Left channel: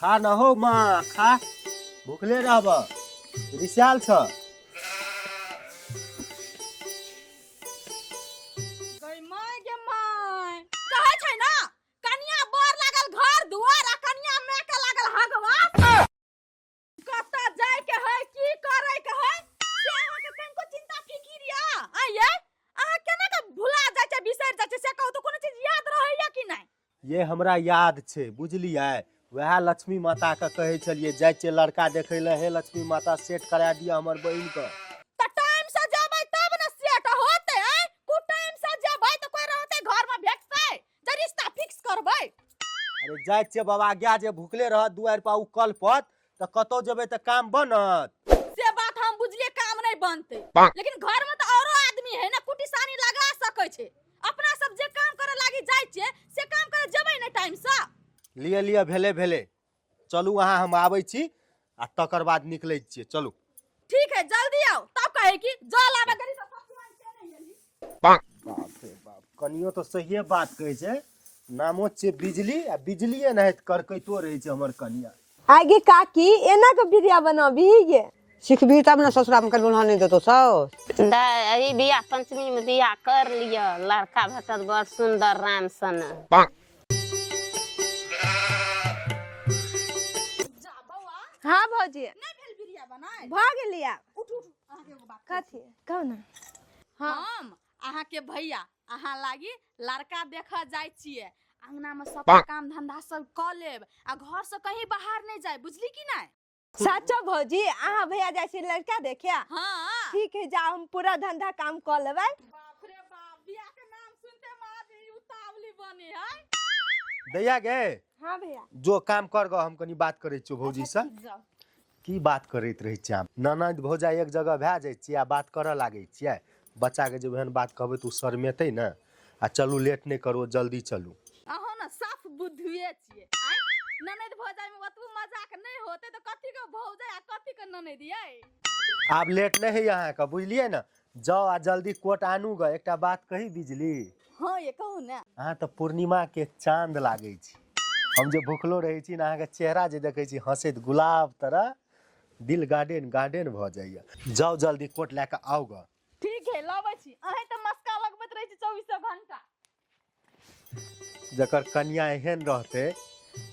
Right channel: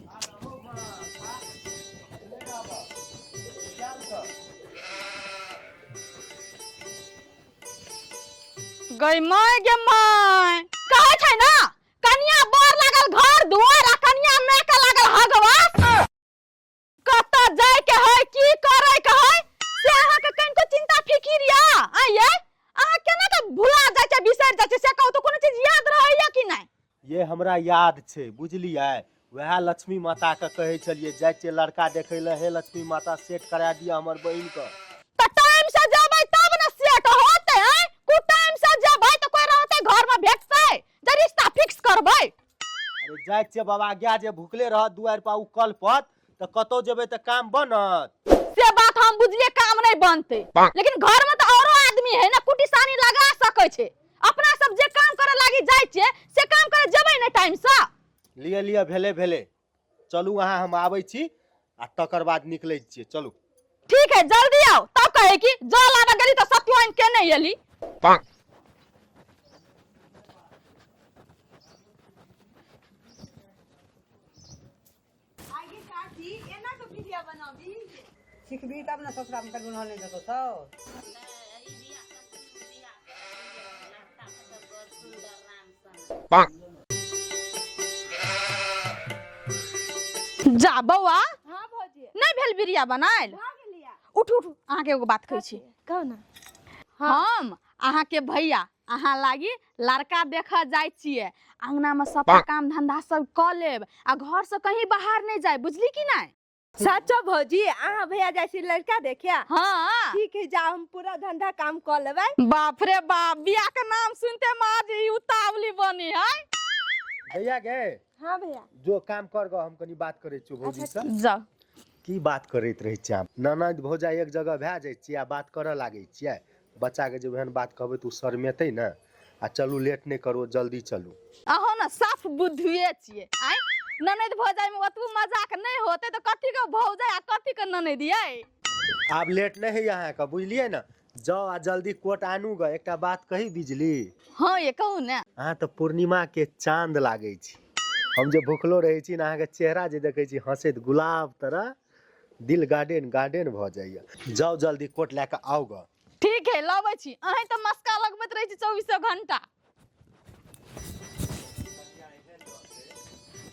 खा न हो माँ खा भूखले रहब रिसाल छ गई माय गे माय कहै छै ना कनिया बर लागल घर दुआर आ कनिया में के लागल हगवा कत जाय के है की करे के है से अहाँ के कनको चिंता फिकिर या आये अहाँ केना के भुला जाय छै बिसर जाय छै से कहू तो कोनो चीज याद रहै या कि नै ये हमरा याद छै बुझलियै वह लक्ष्मी माता के कहे छलिए जाय छै लड़का देखे ले हे लक्ष्मी माता सेट करा दिया हमर बहिन के त टाइम से जेबै तब न सेट होतै कु टाइम से जेबै त कोई रहतै घर में भेटतै जे रिश्ता फिक्स करबै अरे जाय छै बाबा गया जे भूखले रह दुआर पर उ कल पत त कतो जेबै त काम बनत से बात हम बुझलिए काम नहीं बनते लेकिन घर में तो औरो आदमी है ना कुटिसानी लगा सकै छै अपना सब जे काम करे लागी जाय छै से काम करे जेबै ने टाइम से लिए लिए भेले भेले चलू वहां हम आबै छी आ तकर बाद निकलै छियै चलू ठीक है जल्दी आओ तब कहे कि जल आबे गेली तो सत्यवान के नहीं एली कनियो तो सहिए बात कहै छै नामो छै बिजली आ बिजलिए नहीं करकैतो रहै छै हमर कनिया आगे काकी एना के बिरिया बनाबी गे सीखबी तब ना ससुरा में कल नहीं देतो सब दाई बियाह पंचमी में बियाह कर लिया लड़का भेटत बड़ सुंदर राम सन जा बौआ हां भौजी नहीं भेल बिरिया बनायल भ गेलिया उठ उठ अहाँ के एगो बात कहै छी कहू ना हम अहाँ के भैया अहाँ लागी लड़का देखा जाय छियै अंगना में सब काम धंधा सब क लेब आ घर से कहीं बाहर नहीं जाय बुझली कि नहीं सच्चो भौजी आहा भैया जैसे लड़का देखिया हाँ ठीक है जा हम पूरा धंधा काम कर लेबै बाप रे बाप बिया के नाम सुनते माज ई उतावली बनी है भैया गे हां भैया जो काम कर गो हम कनी बात करे छियो भौजी से जाओ की बात करैत रहै छियै ननद भौजा एक जगह भए जाइ छियै आ बात करऽ लागै छियै बच्चा के जब एहन बात कहबै त उ शर्मेतै न आ चलू लेट नहीं करो जल्दी चलू अहो ना साफ बुद्धिए छियै आय ननद भौजाई में ओतबो मजाक नहीं होते तो कथी के भौजाई आ कथी के ननद ये आब लेट नहीं है यहाँ का बुझलिए ना जाओ आ जल्दी कोट आनू ग एकटा बात कही बिजली हां ये कहू ना अहाँ तो पूर्णिमा के चांद लागै छी हम जे भूखलो रहै छी ना अहाँ के चेहरा जे देखै छी हंसैत गुलाब तरह दिल गार्डन गार्डन भ जाइए जाओ जल्दी कोट लेके आओ ग ठीक है लाबै छी अहीं त मस्का लगबैत रहै छी 24 घंटा जकर कन्या एहन रहते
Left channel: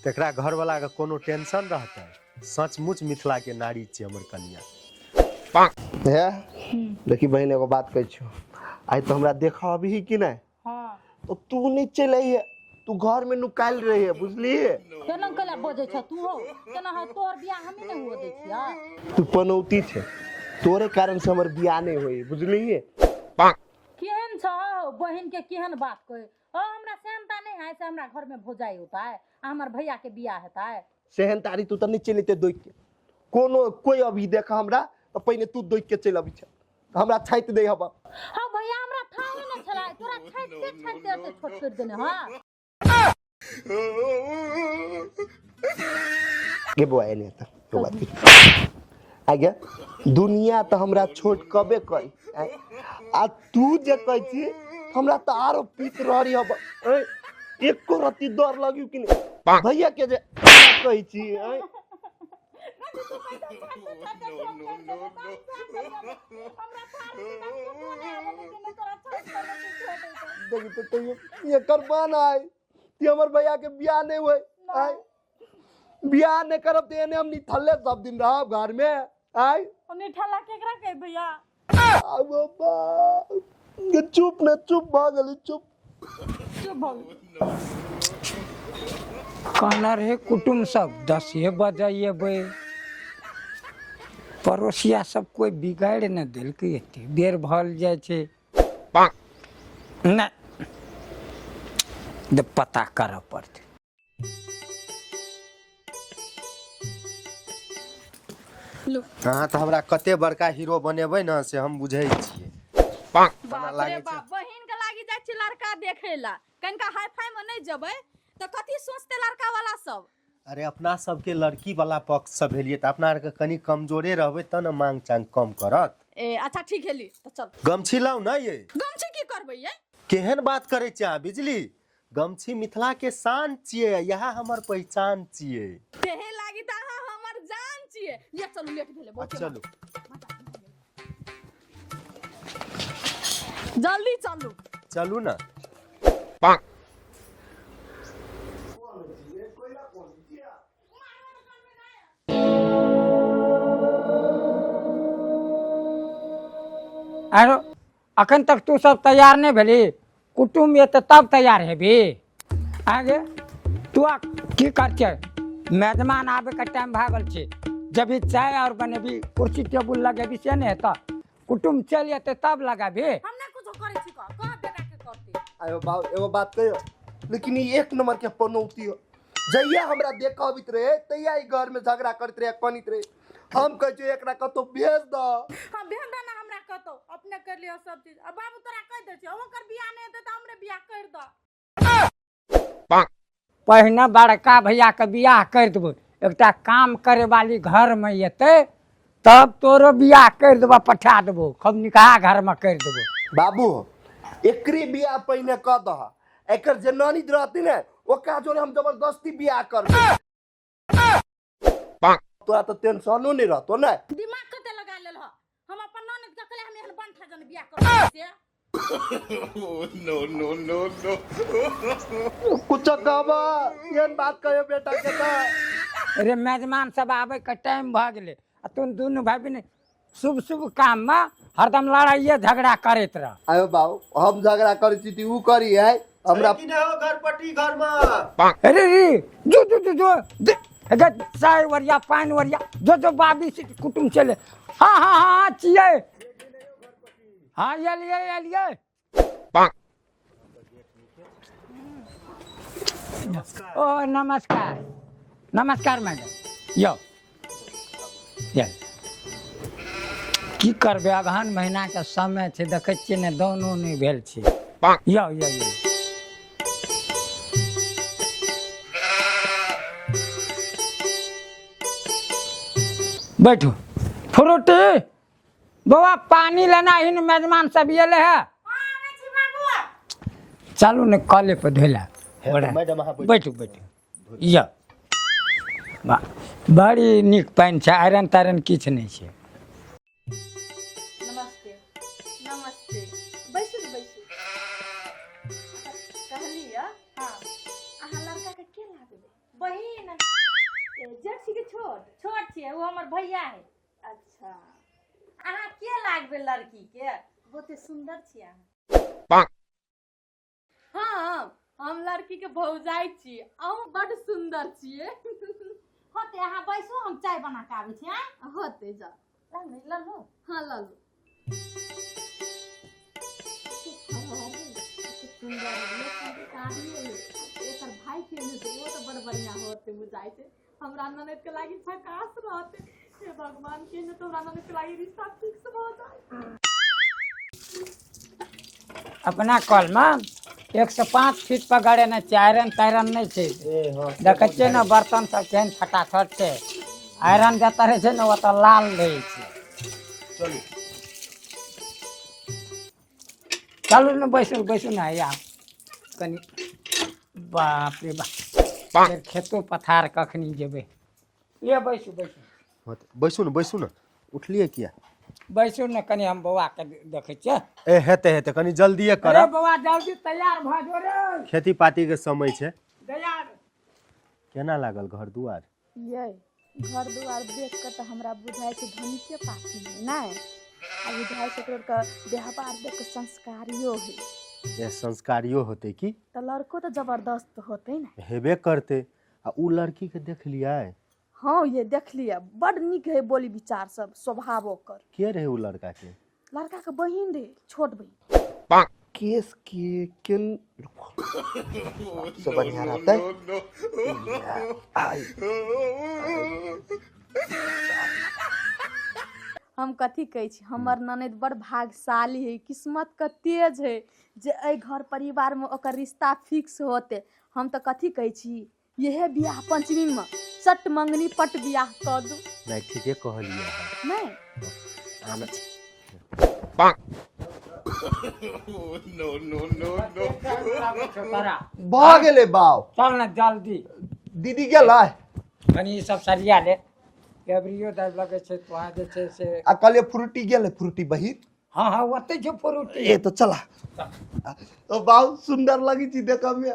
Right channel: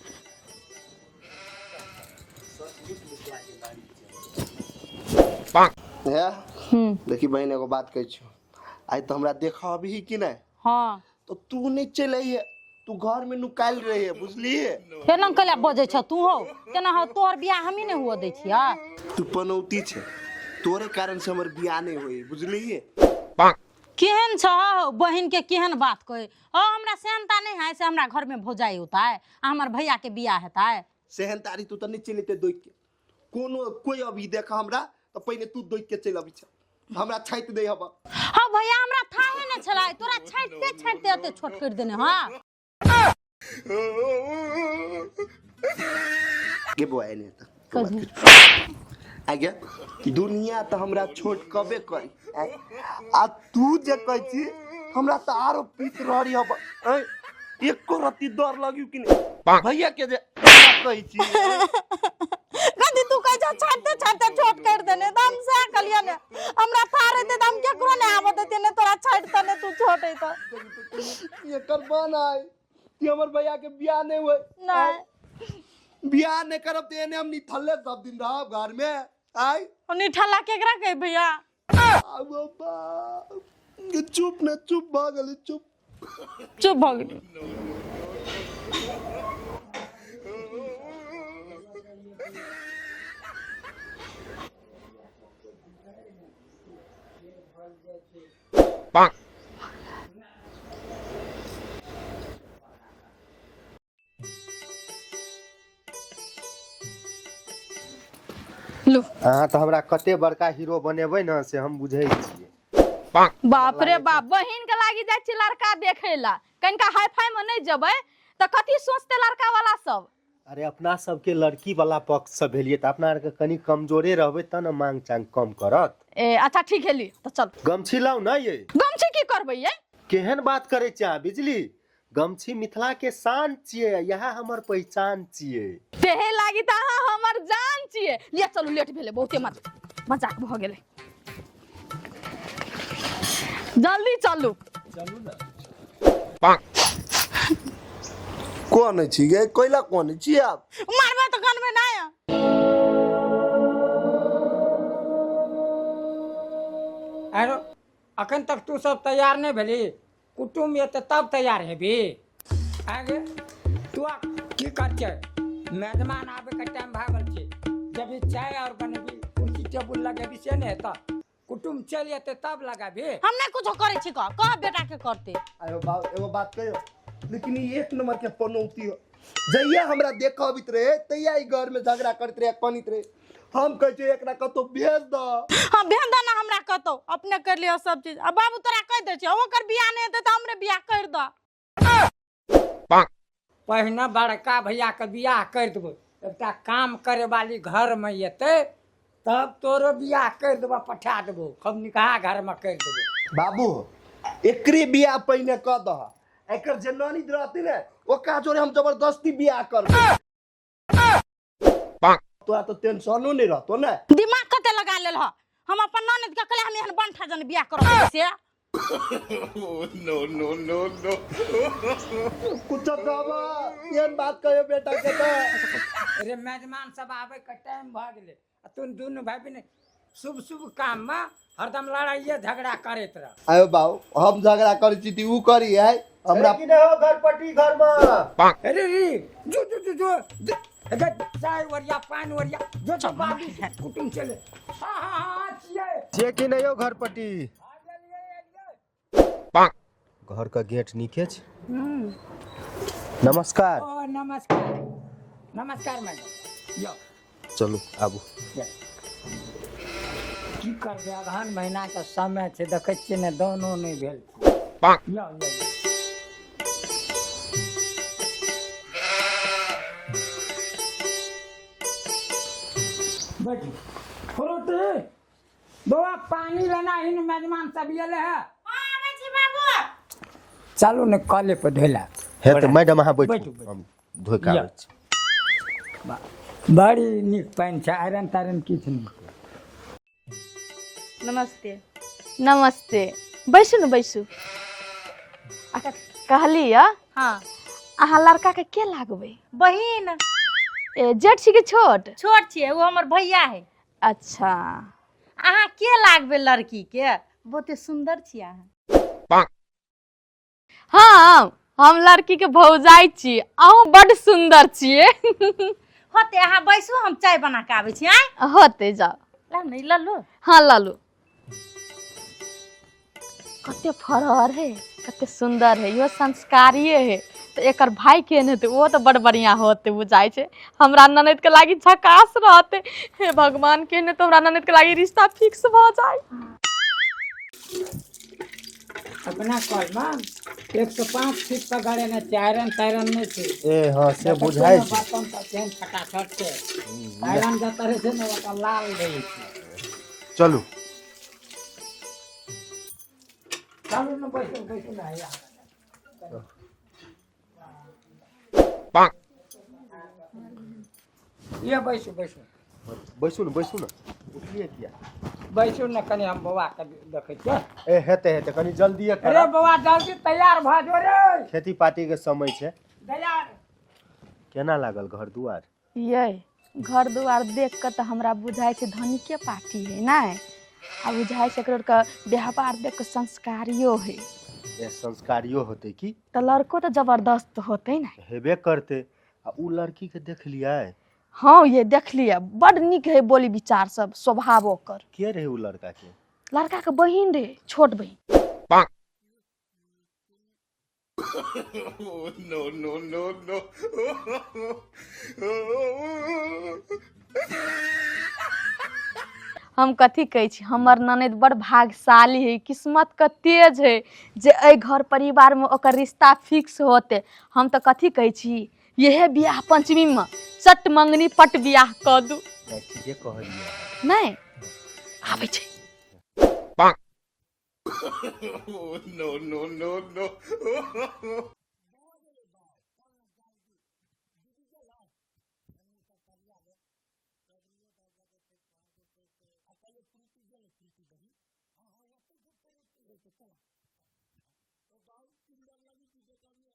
तकरा घर वाला के कोनो टेंशन रहते सचमुच मिथिला के नारी छी हमर कन्या है देखी बहन एगो बात कहै छियो आइ तो हमरा देखा अभी कि नहीं हां तो तू नहीं चले है तू घर में नुकाल रही है बुझली केना कले बजे छ तू हो केना हो तोहर बियाह हमी ने हुआ दै छिया तू पनौती छे तोरे कारण से हमर बियाह नहीं होई बुझली केहन छ बहिन के केहन बात कहे ओ हमरा सेहनता नहीं है से हमरा घर में भौजाई होता है हमर भैया के बियाह हेता है सेहन तारी तू त नहीं चलेते दोइक के कोनो कोई अभी देखा हमरा तो पहले तू दोइक के चल अभी छ हमरा छाइत दे हबा हां भैया हमरा थाहे न छलाय तोरा छाइते ओते छोट कर देने हां ये बोए ने त आगे दुनिया तो हमरा छोट कबे करी आ तू जे कहै छी हमरा त आरो पीत रहरी हब एको रति डर लगियो कि भैया के जे कहै छी कदी तू कह जा छाते छाते छोट कर देने दम से कलिया ने हमरा थारे दे दम के को ने आवत देने तोरा छाट तने तू छोटे तो देखि तो ये करबान आइ कि हमर भैया के बियाह नहीं होय नहीं बियाह नहीं करब त एने हम निठल्ले सब दिन रहब घर में आई ओनी ठला केकरा कह भैया आ बाबा ये चुप न चुप भागल चुप भाग कहना रहे कुटुम सब 10 बजाइए बे पड़ोसिया सब कोई बिगाड़ न दिल के एते देर भल जाय छे न द पता कर पड़ते लो अहाँ तो हमरा कते बड़का हीरो बनेबै न से हम बुझै छियै बाप रे बाप बहिन के लागी जाय छी लड़का देखैला कनका हाई फाई में नहीं जबै त कथि सोचते लड़का वाला सब अरे अपना सबके लड़की वाला पक्ष से भेलिए त अपना के कनी कमजोरे रहबै त न मांग चांग कम करत ए अच्छा ठीक है ली तो चल गमछी लाउ न ये गमछी की करबै ये केहन बात करे छी अहाँ बिजली गमछी मिथिला के शान छियै, यहाँ हमर पहचान छियै। तेहे लागी त अहाँ हमर जान छियै। ले चलू, लेट भेले बहुते मजाक भ गेलै। जल्दी चलू। चलू ना। कौन छी गे? कोइला कौन छी आप? मारबा तो कान में ना है। अरे अखन तक तू सब तैयार नहीं भेली, कुटुम ये तो तब तैयार है भी। आगे तू की कर छे? मेहमान आवे का टाइम भागल छे, जब भी चाय और बनेबी कुर्सी टेबुल लगेबी से नहीं तो कुटुम चल जेते तब लगाबी। हम नहीं कुछ करे छी कह बेटा के करते। आयो बाप एगो बात कहियो, लेकिन ये एक नंबर के पनौती हो। जइया हमरा देखबित रहे तैया ई घर में झगड़ा करत रहे, कनित रहे। हम कह छे एकरा कतो भेज द। हां भेज द ना, हमरा कतो अपने कर लियो सब चीज। अब बाबू तोरा कह दे छे ओकर बियाह नहीं हेते त हमरे बियाह कर द। पहिने बड़का भैया के बियाह कर देबो, एकटा काम करे वाली घर में येते तब तोरो बियाह कर देबो, पठा देबो, खूब निकाह घर में कर देबो। बाबू एकरी बियाह पहिने क द। एकर जे नानी रहती ने ओका जोरे हम जबरदस्ती बियाह करबे। तोरा तो टेंशनो नहीं रहतो ना। दिमाग कते लगा लेल ह। हम अपन ननद के कहले हम एहन बंठा जन बियाह करब से। कुछ कहबा केन बात कहियो बेटा के त। अरे मेहमान सब आवे के टाइम भ गेले, तुम दोनों भाई बहन शुभ शुभ काम में हरदम लड़ाइए झगड़ा करत रह। आयो बाबू हम झगड़ा करै छी ती ऊ करी है हमरा। कि नहीं हो घर पट्टी घर में। अरे रे जो चाय वरिया पानी वरिया जो बाबी से कुटुम चले। हाँ चिए जे कि नहीं हो घर पट्टी। हाँ ये लिए घर का गेट नीचे छै। नमस्कार। ओ नमस्कार मैडम। यो चलू आबू। की करबे, अगहन महीना के समय छै, देखे छियै ने दानो नहीं भेल छै। यो बैठो। फ्रूटी बउआ पानी लेना, इन मेहमान सब ये ले है। चलो ने कॉले पे धोला है तो मैडम अहाँ बैठो धोइ के आबै छी। बड़ी नीक पानी छै, आयरन तायरन किछ नहीं छै। नमस्ते। नमस्ते, बैसू न बैसू। कहली हाँ अहाँ लड़का के के लागबै? बहिन ए जेठ छी के छोट? छोट छिए, वो हमर भैया है। अच्छा अहाँ के लागबे लड़की के? बहुते सुंदर छिए अहाँ। हाँ हम लड़की के भौजाई छी, अहूँ बड़ सुंदर छिए। होते अहाँ बैसू, हम चाय बना के आबै छी। आय होते जाओ। ला नहीं लल्लू। हाँ लालू। कते फरहर है, कते सुंदर है, यो संस्कारी है। तो एकर भाई केहन हेतै? वो तो बड़ बढ़िया होते बुझाई छे। हमरा ननद के लागी झकास रहते। हे भगवान, केहन तो हमरा ननद के लागी रिश्ता फिक्स भ जाए। अपना कॉल में 105 फीट पर गड़े ने आयरन तायरन नहीं छै। ए हां से देखे छियै बुझाइ ना बर्तन सब केहन फटाफट छै। आयरन जता रहे छै ना वो तो लाल नहीं छै। चलू चलू ना बैसू ना यार कनी। बाप रे बाप, खेतो पथार कखनी जेबे। ये बैसू बैसू न उठलिए किया? बैसू ना कनी, हम बौआ के देखे छियै। ए हेते कनी जल्दी कर। अरे बौआ जल्दी तैयार भ जो रे, खेती पाती के समय छै। तैयार केना लागल घर दुआर? ये घर दुआर देख के तो हमरा बुझाई छे धनी के पार्टी है ना। आ बुझाई छे एकरा का व्यवहार देख के संस्कारियो है। ये संस्कारियो होते की? तो लड़को तो जबरदस्त होते ना। हेबे करते। आ उ लड़की के देख लिया? हाँ ये देख लिया, बड़ निक है बोली विचार सब, स्वभाव ओकर। के रहे उ लड़का के? लड़का के बहिन रे, छोट बहिन। केस के केन हम कथी कहे छी, हमर ननद बड़ भाग्यशाली है, किस्मत के तेज है जे ए घर परिवार में ओकर रिश्ता फिक्स होते। हम तो कथी कहे छी, यह बियाह पंचमी में चट मंगनी पट बियाह क दू। नहीं ठीके कहलिए। नहीं आबै छै। भ गेले बाव चल ना जल्दी दीदी गेलै कनी सब सरिया ले एवरियो दर लगे छै तो आ जे छै से आ कहलिए फ्रूटी गेलै फ्रूटी बहिन हाँ हाँ ओते छै फ्रूटी ए तो चला ओ बाव सुंदर लगी छी देखऽ में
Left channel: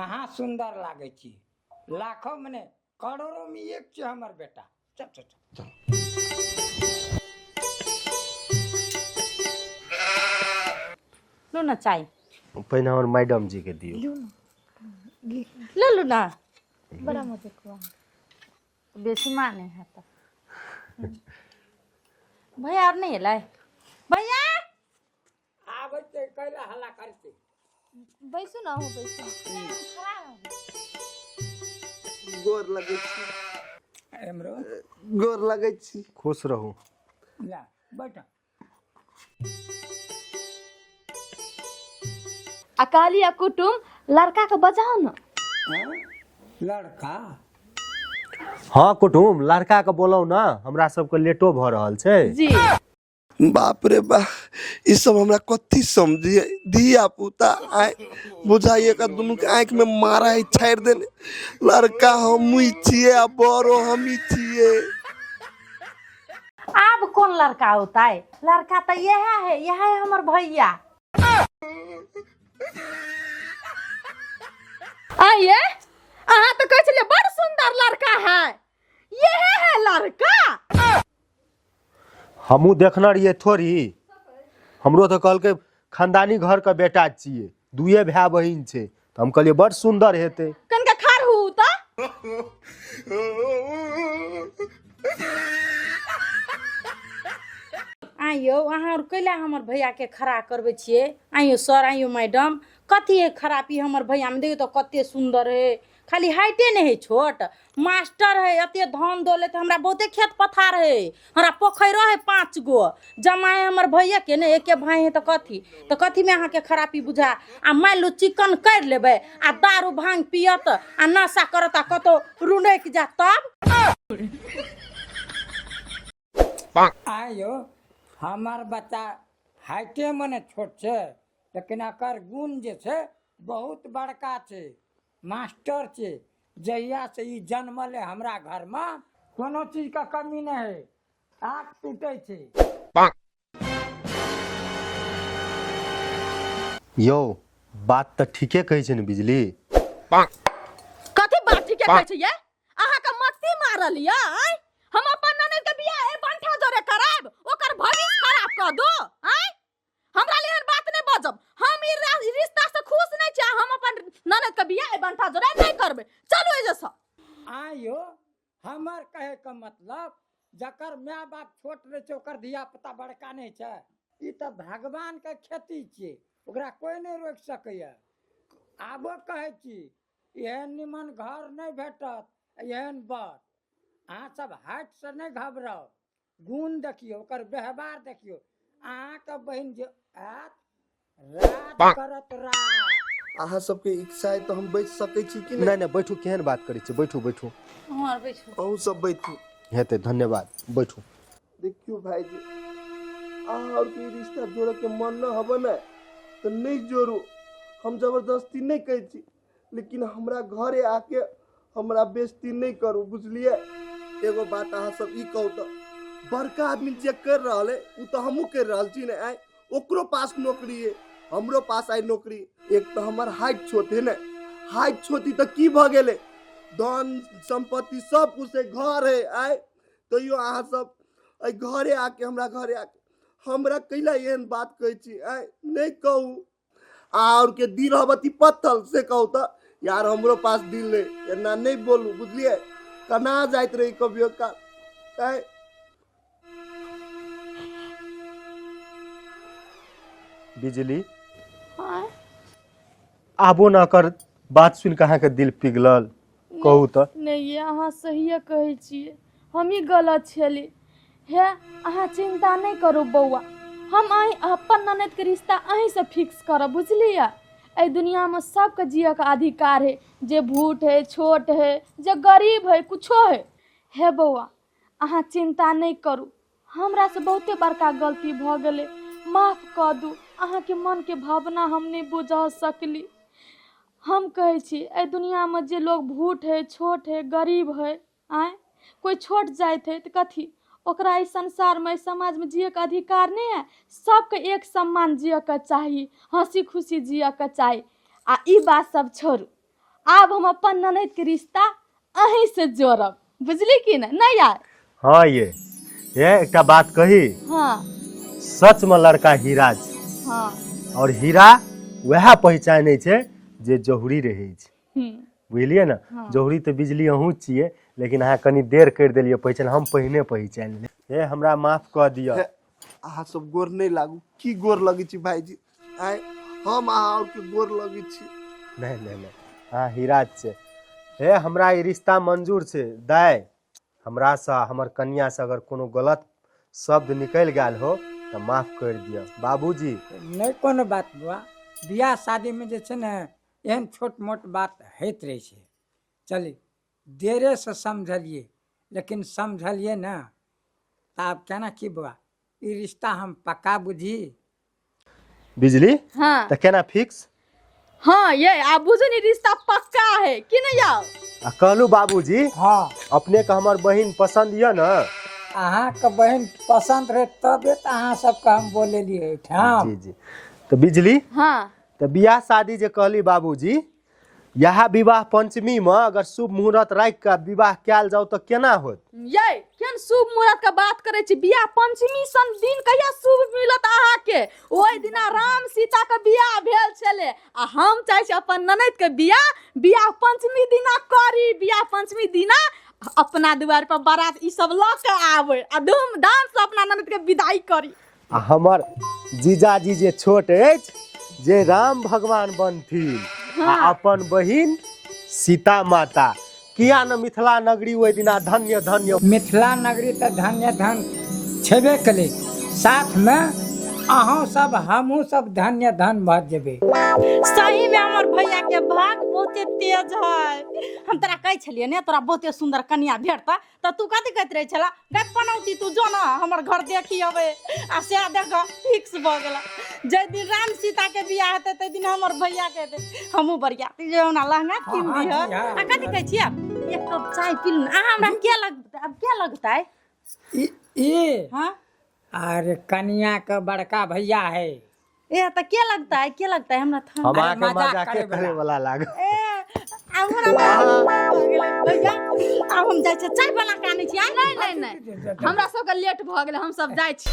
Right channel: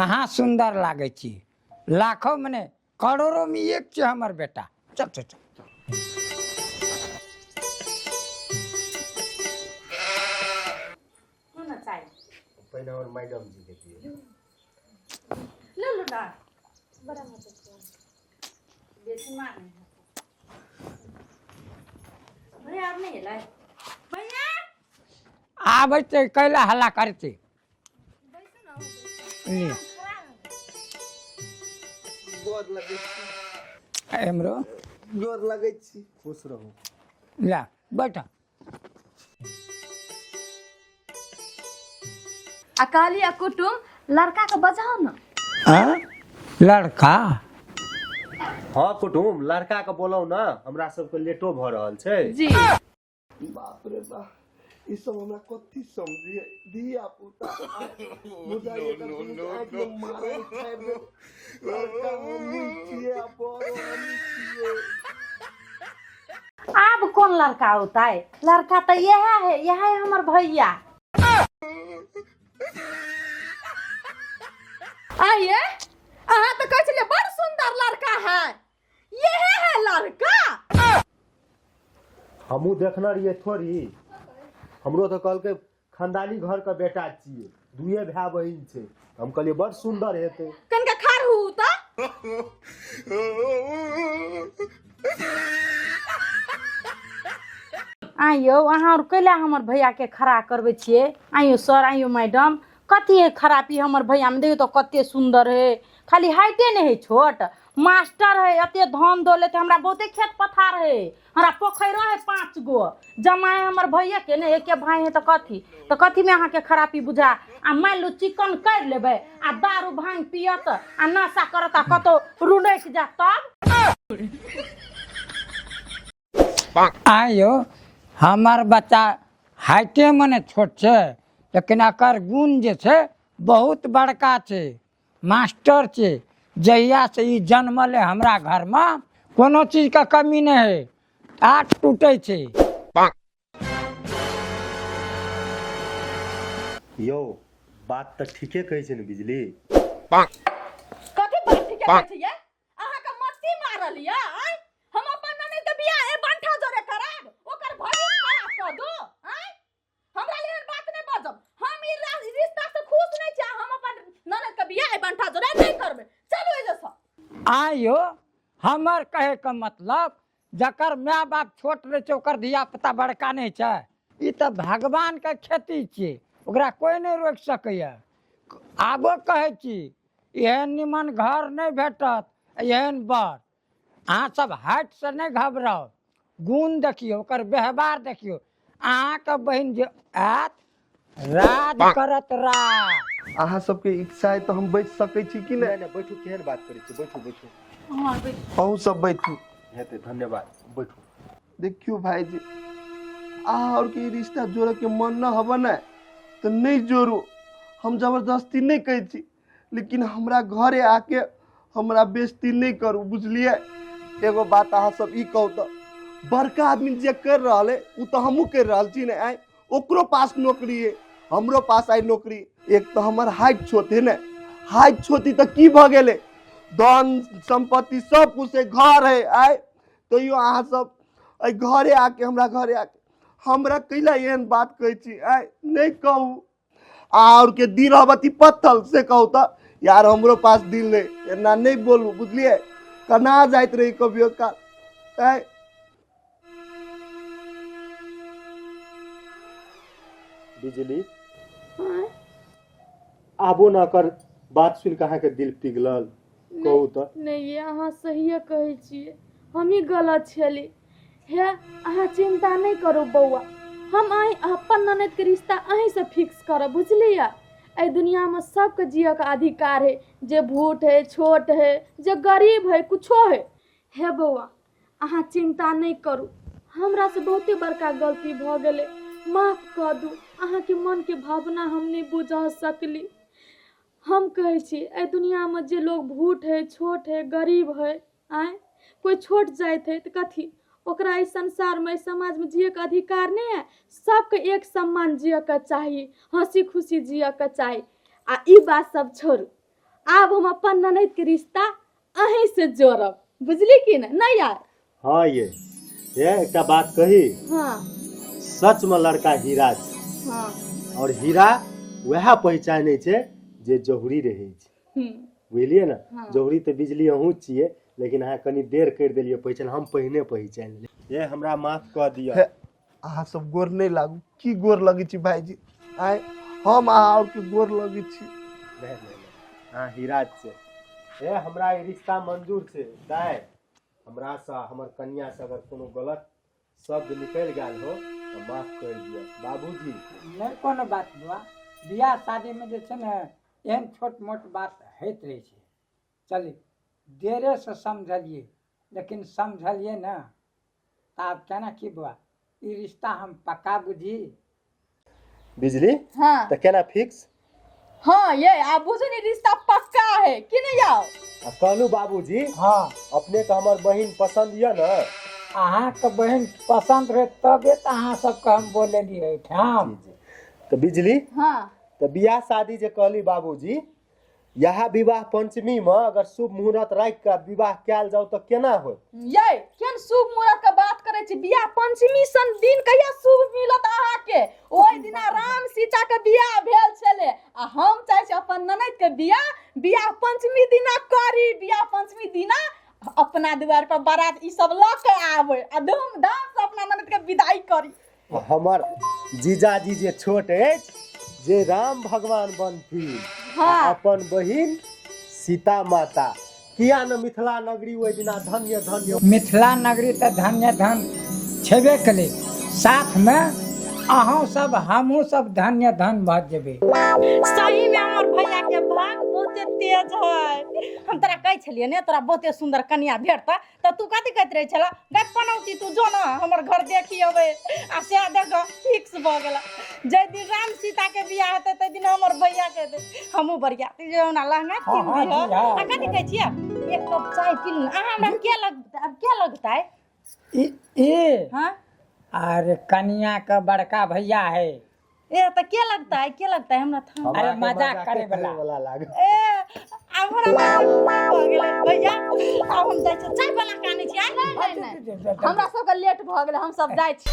महा सुंदर लागे छी लाखों मने करोड़ों में एक छै हमर बेटा चल चल चल लो ना चाय पहिने हमर मैडम जी के दियो ले लो ना बड़ा मजे को बेसी माने है तो भैया और नहीं है लाए भैया आबै छै कैला हल्ला करते बैसू ना हो बैसू गोर लगै छी एमरो गोर लगै छी खुश रहू ला बैठ अकाली या कुटुम लड़का के बजाओ ना हाँ? लड़का हाँ कुटुम लड़का के बोलौ ना हमरा सबके लेटो भ रहल छै जी बाप रे बा ई सब हमरा कथी समझिए धिया पुता आय बुझाइए का दुनू के आंख में मारा है छाड़ देने लड़का हम ही छिए आ बड़ो हम ही छिए अब कौन लड़का होता है लड़का तो यह है हमार भैया आइए अहाँ तो कह चलिए बड़ सुंदर लड़का है ये है लड़का हमू देखना रहिए थोड़ी हमरो तो कहलकै खानदानी घर का बेटा छिए दुए भाई बहिन छै तो हम कहलिए बड़ सुंदर हेतै कनका खार हु त आइयो अहाँ और कैला हमर भैया के खड़ा करबे छिए आइयो सर आइयो मैडम कथी है खराबी हमर भैया में देखियो तो कते सुंदर है खाली हाइटे नहीं है छोट मास्टर है अते धान दौलत हमरा बहुते खेत पथार है हमरा पोखरो है 5 गो जमाए हमर भैया के ने एके भाई है तो कथी में अहाँ के खराबी बुझा आ मान लो चिकन कर लेबे आ दारू भांग पियत आ नशा करत आ कतो रुनक जा तब आयो हमार बच्चा हाइटे मने छोट छै लेकिन एकर गुण जे छै बहुत बड़का छै मास्टर छै जहिया से ई जन्मले हमरा घर में कोनो चीज का कमी नहीं है आठ टूटे छै यौ बात तो ठीके कहै छै ने बिजली कथी बात ठीक है छै ये अहाँ के मस्ती मारल या हम अपन ननद के बियाह ए बंठा जोरे कराब ओकर भविष्य खराब क दो हमरा लिए बात नहीं बजब हम ई रिश्ता से खुश नहीं छी हम अपन ननद के बियाह ए बंठा जोरे नहीं करबे चलो ए जैसा आयो हमर कहे का मतलब जकर माय बाप छोट रहे छै ओकर धिया पुता बड़का नहीं छै ई तो भगवान के खेती छियै ओकरा कोई नहीं रोक सकैया आबो कहे छी एहन निमन घर नहीं भेटत एहन बर अहाँ सब हाइट से नहीं घबराओ गुण देखियो ओकर व्यवहार देखियो अहाँ के बहन जे आत राज करत राज अहाँ सबके इच्छा है तो हम बैठ सकै छी कि नहीं नहीं बैठू केहन बात करै छी बैठू बैठू अहूँ सब बैठू हेतै धन्यवाद बैठू देखियो भाई जी और के रिश्ता जोड़े के मन न हब ना तो नहीं जोड़ू हम जबरदस्ती नहीं कहै छी लेकिन हमरा घरे आके हमरा बेइज्जती नहीं करू बुझलिए एगो बात अहाँ सब ई कहू तो बड़का आदमी जे कर रहल है उ तो हमहू कर रहल छी ने आइ ओकरो पास नौकरी है हमरो पास आई नौकरी एक तो हमर हाइट छोट है ना हाइट छोटी तो की भ गेले धन संपत्ति सब कुछ है घर है आइ तो यो अहाँ सब आई घरे आके हमरा कैला एहन बात कहै छी आइ नहीं कहू और के दिल हबती पत्थल से कहू तो यार हमरो पास दिल नहीं एना नहीं बोलू बुझलिए कना जाइत रही कभियो का आइ बिजली आबो ना कर बात सुन के अहाँ के दिल पिघलल कहू तो नहीं ये अहाँ सही कहै छियै हम ही गलत छली हे अहाँ चिंता नहीं करू बौआ हम आई अपन ननद के रिश्ता अहीं से फिक्स करब बुझलिए ए दुनिया में सबके जिये के अधिकार है जे भूट है छोट है जे गरीब है कुछो है हे बौआ अहाँ चिंता नहीं करू हमरा से बहुते बड़का गलती भ गेलै माफ कर दू अहाँ के मन के भावना हम नहीं बुझा सकली। हम कहे छी ए दुनिया में जे लोग भूट है, छोट है, गरीब है, आए कोई छोट जात है तो कथी ओकरा इस संसार में, इस समाज में जिये के अधिकार नहीं है। सबके एक सम्मान जिये के चाहिए, हंसी खुशी जिये के चाहिए। आ ई बात सब छोड़ू, आब हम अपन ननद के रिश्ता अहीं से जोड़ब, बुझली कि नहीं यार? हाँ ये एक बात कही, हाँ सच में लड़का हीरा छै, हाँ और हीरा वह पहचाने छै जे जहुरी रहे छै, बुझलिए ना? जहुरी तो बिजली अहूँ छिए, लेकिन अहाँ कनी देर कर दिलिए पहचान, हम पहिने पहचान ले। हमरा माफ कर दिया। अहाँ सब गोर नहीं लागू, की गोर लगे छी भाईजी? आए हम अहाँ और के गोर लगे छी? नहीं नहीं नहीं, हाँ हीरा छै। हे हमरा ई रिश्ता मंजूर छै। दाय हमरा से, हमर कन्या से अगर कोनो गलत शब्द निकल गया हो तो माफ कर दिया बाबूजी। नहीं कोनो बात बा, बियाह शादी में जे छै ने एहन छोट मोट बात होइत रहे छै। चलिए देरे से समझलिए, लेकिन समझलिए ना तो आप कहना की बुआ, ई रिश्ता हम पक्का बुझी। बिजली हाँ तो केना फिक्स? हाँ ये आप बुझे नहीं रिश्ता पक्का है कि नहीं यार? कहलू बाबूजी हाँ, अपने का हमर बहिन पसंद ये ना? अहाँ के बहन पसंद रहे तबे तो अहाँ सबके हम बोले लिए ठाम। जी जी। तो बिजली हाँ तो बियाह शादी जे कहली बाबूजी, यह विवाह पंचमी में अगर शुभ मुहूर्त राख के विवाह कैल जाओ तो केना होत? ये केन शुभ मुहूर्त के बात करे छी? बियाह पंचमी सन दिन कहिया शुभ मिलत अहाँ के? ओइ दिना राम सीता के बियाह भेल छले, आ हम चाहे छी अपन ननद के बियाह पंचमी दिना करी। बियाह पंचमी दिना अपना द्वार पर बारात ई सब ल के आवे आ धूमधाम से अपना ननद के विदाई करी। आ हमर जीजाजी जे छोट अछि, जे राम भगवान बनथिन, आ अपन बहिन सीता माता, किया न मिथिला नगरी ओहि दिना धन्य धन्य। मिथिला नगरी तो धन्य धन छेबे कली, साथ में अहों सब हमहू सब धन्य धन भ जेबे। सही में हमर भैया के भाग बहुते तेज है। हम तोरा कह छलिए ने तोरा बहुते सुंदर कन्या भेटता, तो तू कथी कहत रहे छला? देख पनौती तू जो ना हमर घर देखी अबे, आ से देख फिक्स भ गेला। जे दिन राम सीता के बियाह हेते ते दिन हमर भैया के दे हमहू बढ़िया जे ना लहंगा हाँ, हाँ किन जी, हाँ। आ कथी कहै छियै? एक कप चाय पी लूं। आ हमरा क्या लगता है? ये हां अरे कन्या का बड़का भैया है। ए तो क्या लगता है? क्या लगता है? हमरा था हमरा के मजाक मजाक करे करे वाला लाग। ए हमरा हो गेलै भैया, आब हम जाइ छै चाय बना के आनै छी। नहीं नहीं नहीं, हमरा सब के लेट भ गेल, हम सब जाय छी।